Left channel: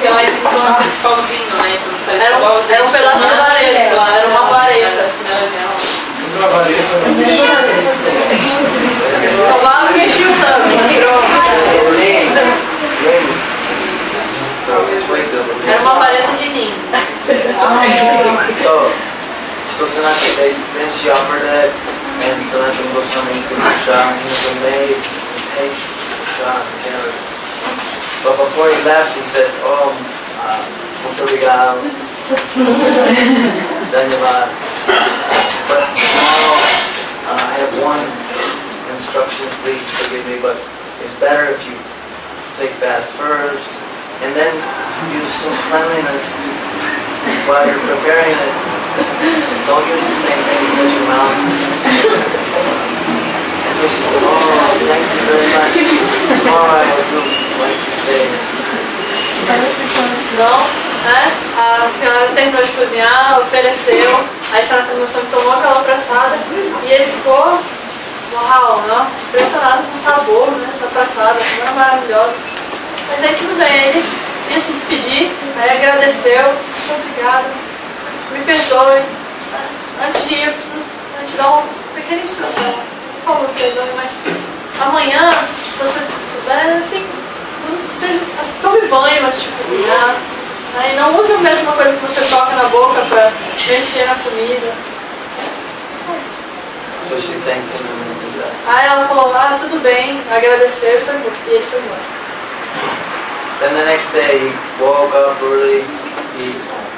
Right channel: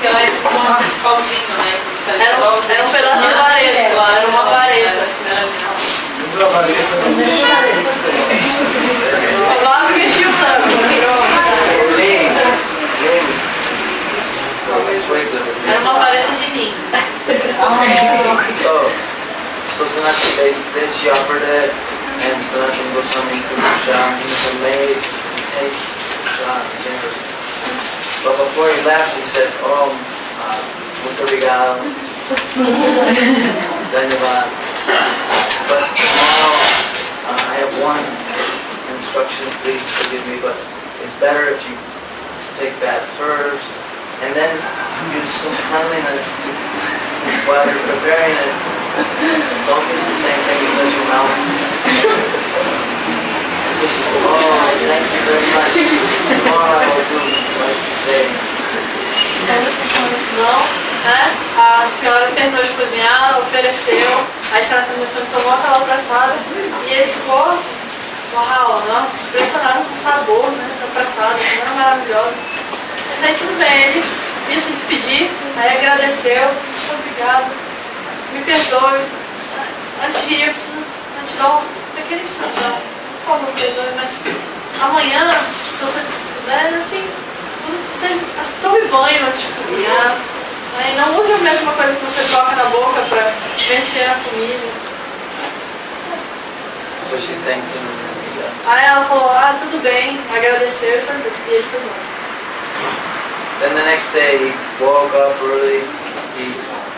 porque lá eles usam aquele solzinho, né? Era um pedaço de vareta, era uma vareta. Uma vareta. Escovava e enchia o sangue. Era uma vareta de ninho. So Sanatana, then she offered it, and Sanatana Goswami took the shot. He was amazed. He takes the shot, generous. But before he left, he said, "Oh, muito obrigado, dhanyavad." But now I have one instruction. Please forgive me, but it's better if you take bath first, and then use some cleanliness while you're preparing it. Don't use the same thing you touch your mouth. And so she said, "Oh, thank you very much. Tomorrow I will do like you say." Não, né? A senhora terminou de cozinhar, ofereceu, aí Sanatana Goswami tomou aquela praçada e ele ficou, uau, né? Impressionado com o sabor, né, da praçada, como era maravilhosa. Mas aí tudo bem, ele ia se despedir, aí agradeceu, muito obrigado, me perdoe, antes de ir eu preciso te dar uma pequena instrução, por favor, perdoe, mas amanhã, se você puder, assim, tome banho antes de cozinhar, né? Não use a mesma coisa que você toca na boca para mexer na comida. So she thanked him and then he left. Aí ela falou, tudo bem, agradeceu e ele foi embora. Then the next day he woke up early, he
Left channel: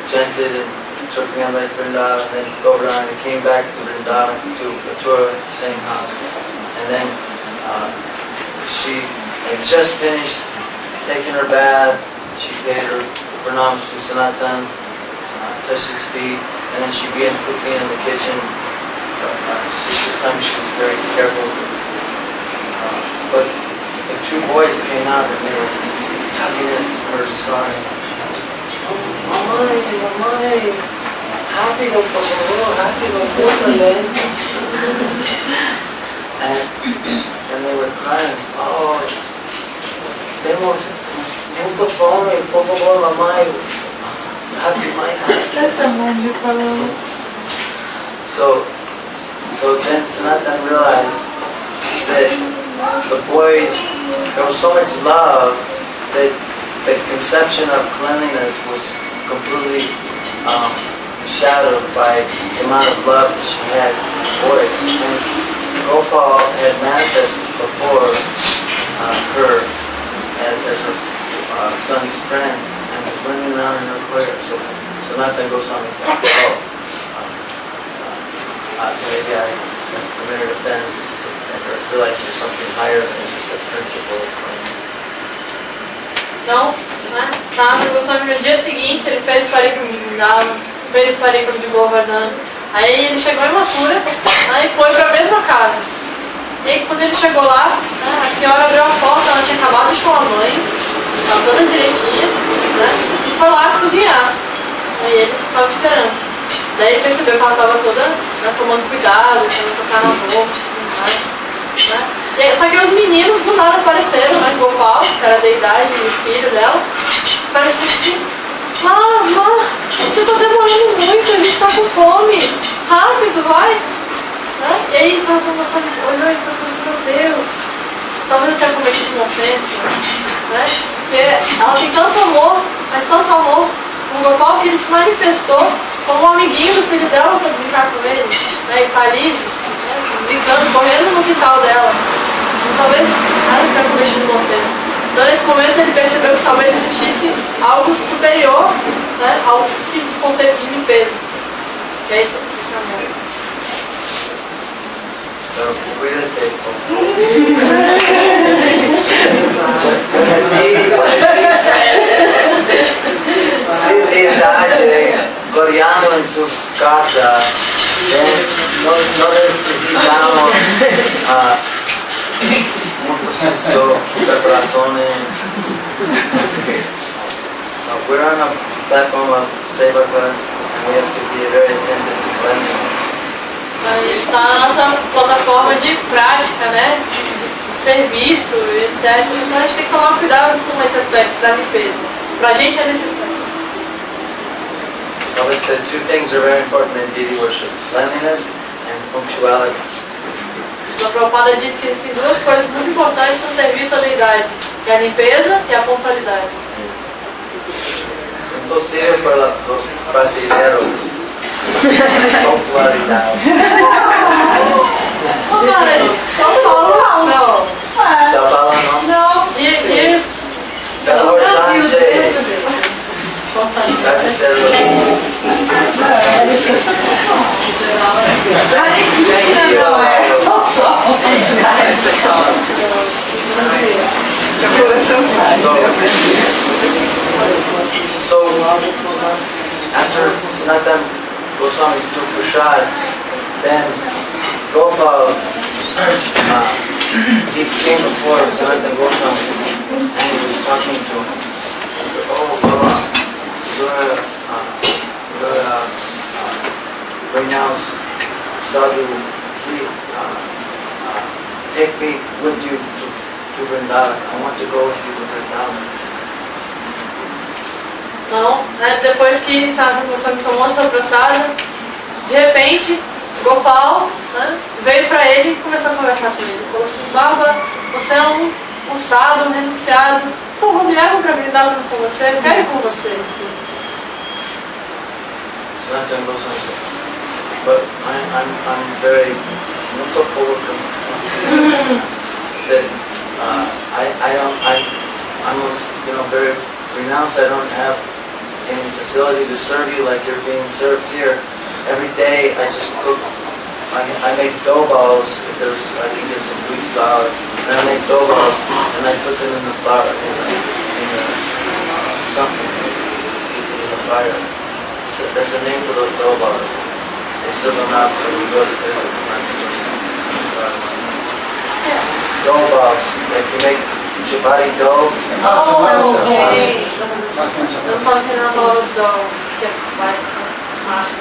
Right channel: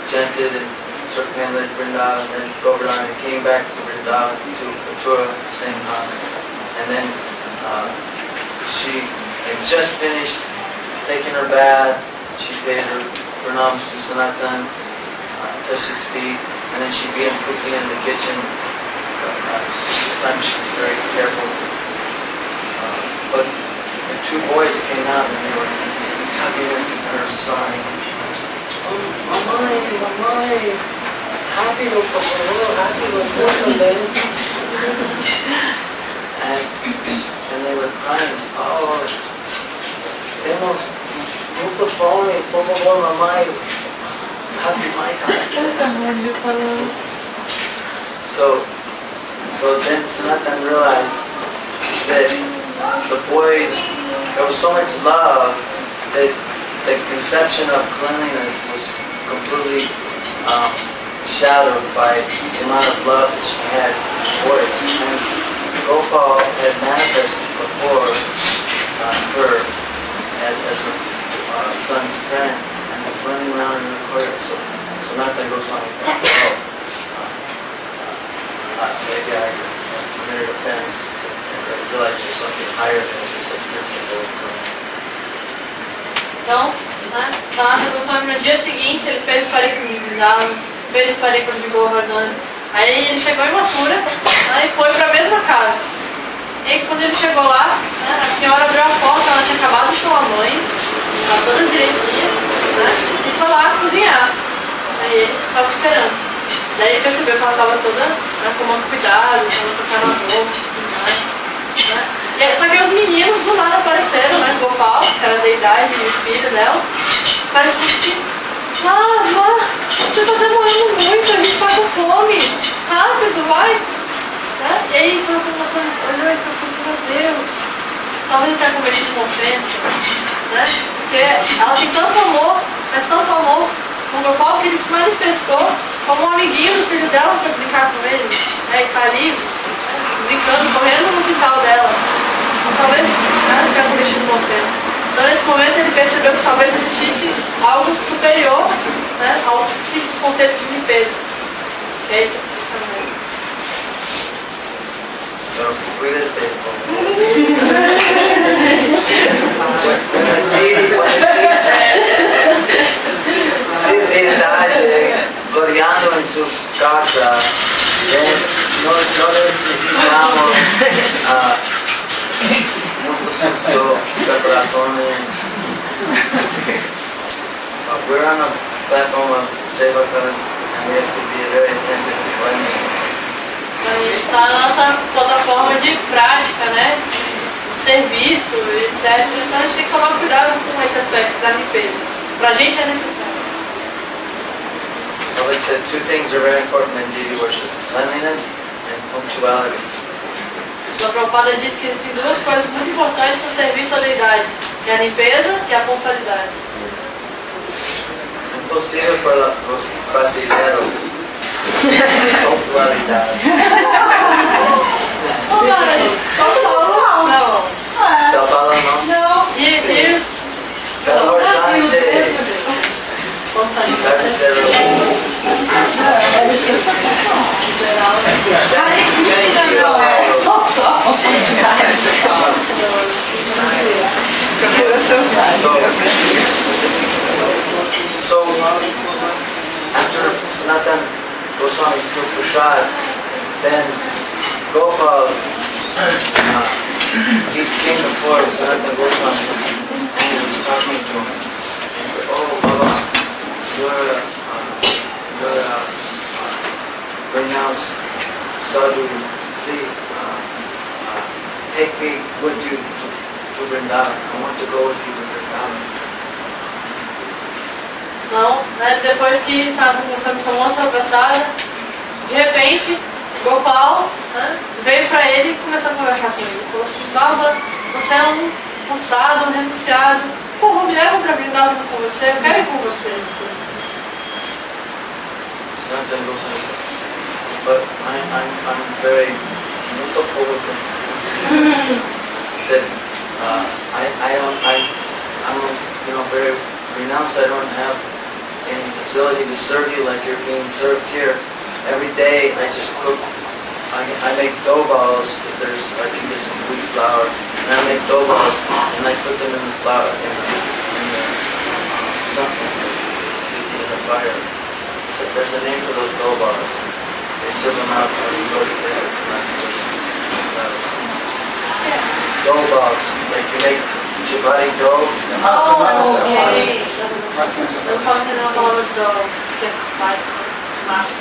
chanted and circumambulated Vrindavan, and then Govardhan, he came back to Vrindavan, to Mathura, same house. And then she had just finished taking her bath, she paid her pranams to Sanatan, touched his feet, and then she began cooking in the kitchen. This time she was very careful. But the two boys came out and they were tugging at her side. "Oh, mamãe, rápido, por favor, rápido, córtale." And they were crying, "Oh, temos muito fome, por favor, mamãe, rápido, mais rápido." So then Sanatan realized that the boys, there was so much love that the conception of cleanliness was completely shadowed by the amount of love that she had for boys. And Gopal had manifested before her as her son's friend and was running around in her choir. So Sanatana Goswami thought, maybe I committed offense and realized there's something higher than just a principle of cleanliness. Então, né, Sanatana Goswami no dia seguinte ele fez o parikram de Vrindavan, fez o parikram de Govardhan. Aí ele chegou em Mathura, né, e foi para a mesma casa. E aí quando ele chegou lá, né, a senhora abriu a porta, ela tinha acabado de tomar banho, estava toda direitinha, né, e foi lá cozinhar. Aí ele estava esperando. Daí ele percebeu que ela estava toda, né, tomando cuidado, tentando tocar na boca e tudo mais. Né? E aí, só que os meninos do nada apareceram, né? Gopal, que era a deidade e o filho dela, apareceram assim: Má, você está demorando muito, a gente está com fome, rápido, vai! Né? E aí Sanatana Goswami olhou e pensou assim: meu Deus, talvez eu tenha cometido uma ofensa, né? Porque ela tem tanto amor, mas tanto amor no Gopal que ele se manifestou como um amiguinho do filho dela para brincar com ele, né? E tá ali, né? Brincando, correndo no quintal dela. Então talvez ele tenha cometido uma ofensa. Então nesse momento ele percebeu que talvez existisse algo superior, né? Ao simples conceito de limpeza. Que é esse amor. Pero cuídate, se verdade, coreano em sua casa, não necessitamos muito sucio, preparações. We're on a platform of Sevakas and we have to be very attentive to cleanliness. A gente está na nossa plataforma de prática, né? De serviço, etc. Então a gente tem que tomar cuidado com esse aspecto da limpeza. Pra gente é necessário. So it said two things are very important in deity worship: cleanliness and punctuality. A Prabhupada diz que existem duas coisas muito importantes no serviço à deidade, que é a limpeza e a pontualidade. Impossível para os brasileiros. Pontualidade. Não, cara, São Paulo não. São Paulo não? Não. E Belo Horizonte. Deve ser So after Sanatan Goswami took prasad, then Gopal he came before Sanatan Goswami and he was talking to him. He said, "Oh Baba, you're renounced sadhu. Please take me with you to Vrindavan. I want to go with you to Vrindavan." não, né? Depois que Sanatan Goswami tomou sua praçada, de repente, Gopal, né, veio pra ele e começou a conversar com ele. Falou assim: Baba, você é um sadhu, um renunciado. Por favor, me leva pra Vrindavan com você, eu quero ir com você. Sanatan Goswami said, "But I'm very muito pouco." He said, I'm very renounced. I don't have any facility to serve you like you're being served here. Every day I just cook. I make dough balls. If I can get some wheat flour, and I make dough balls and I put them in the flour in the fire. So there's a name for those dough balls. They serve them out when you go to visits. Dough balls, like you make chapati dough. Oh, ok. Eu falo que não falo do que vai massa.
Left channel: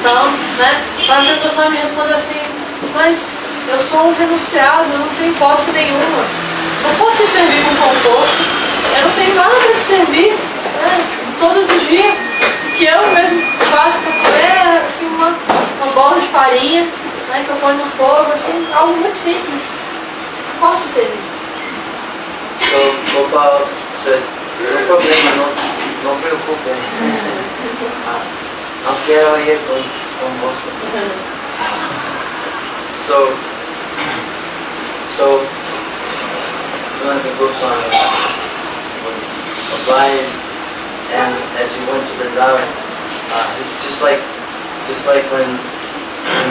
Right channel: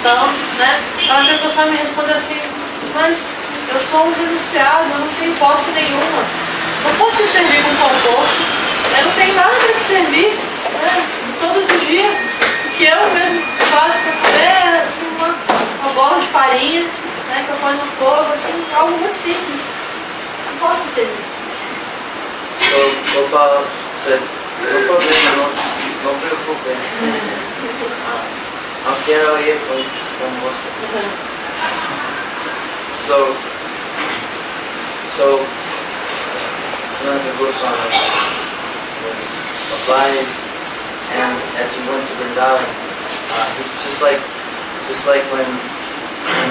Então, né? Sanatan Goswami me respondeu assim: mas eu sou um renunciado, eu não tenho posse nenhuma. Não posso te servir com conforto. Eu não tenho nada para te servir. Né? Todos os dias, o que eu mesmo faço para comer é assim, uma bola de farinha, né, que eu ponho no fogo, assim, algo muito simples. Não posso te servir. So Gopal said, "No problema, não preocupe. Não quero ir com você." So Sanatan Goswami was obliged, and as he went to Vrindavan, just like when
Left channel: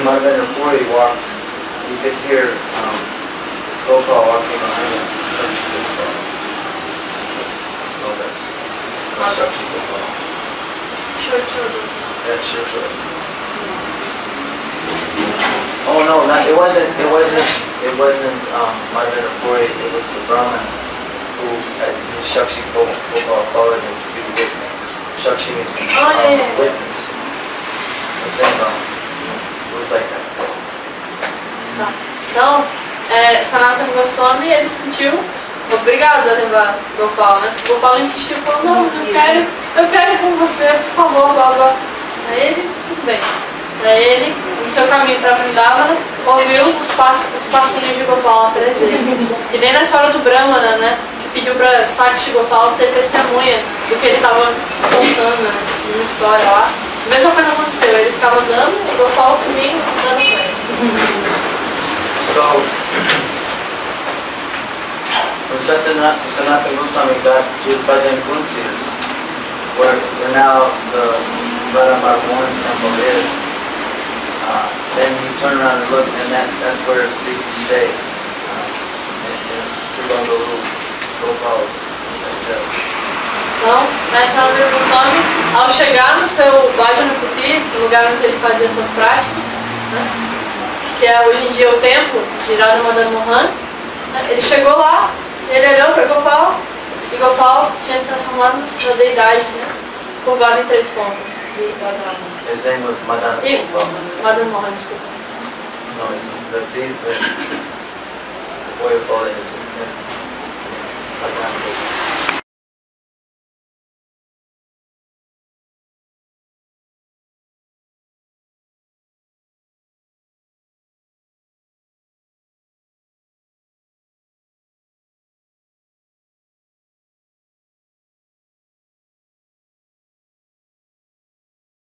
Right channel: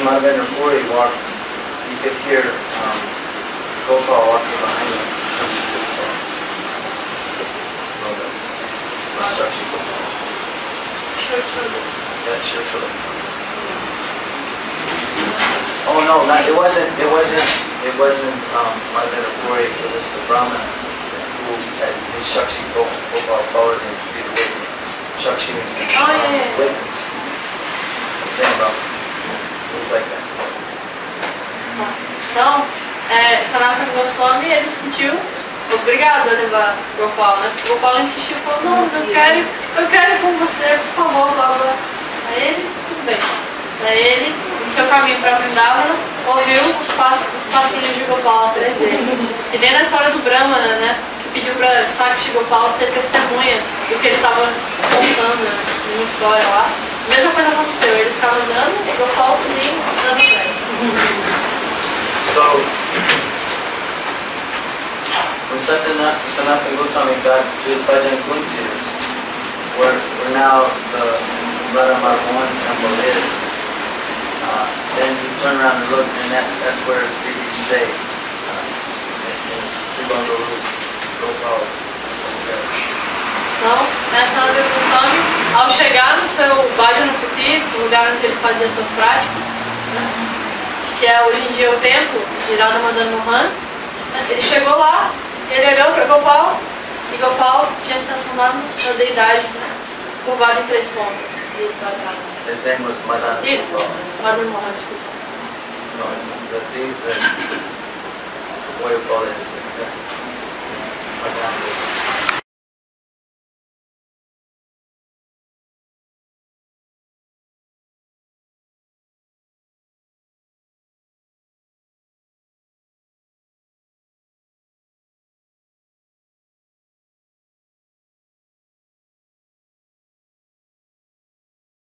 Madhavendra Puri walked, you could hear Gopal walking behind him. No, that's Shakshi Gopal. Sure. Yeah, sure. Oh no, it wasn't Madhavendra Puri. It was the Brahmin who had his Shakshi Gopal followed him to be the witness. Shakshi means witness. The same Brahmin. It was like that. Tá. Então, Sanatan Goswami, ele se sentiu obrigado a levar Gopal, né? Gopal insistiu, falou: não, mas eu quero ir com você, por favor, Baba. Aí ele, tudo bem. Aí ele, no seu caminho para Vrindavan, ouviu os passinhos de Gopal atrás dele. E nem na história do Brahmana, né? Que pediu para Sakshi Gopal ser testemunha do que ele estava contando, né, numa história lá. A mesma coisa aconteceu, ele ficava andando e Gopal nem andando com ele. So, when Sanatan Goswami got to his Bhajan Kunti, where now the Radha Mohan temple is, then he turned around and looked, and that's where his deity stayed. In Sri Bangaru, Gopal. Então, Sanatan Goswami, ao chegar no seu Bhajana Kuti, no lugar onde ele fazia suas práticas, né, que é hoje em dia o templo de Radha Mohan, né, ele chegou lá, ele olhou para Gopal, e Gopal tinha se transformado na deidade, né, curvado em 3 pontas de Radha. His name was Madan Gopal. Madan Mohan, desculpa. No, the boy who followed his name. Madan Gopal.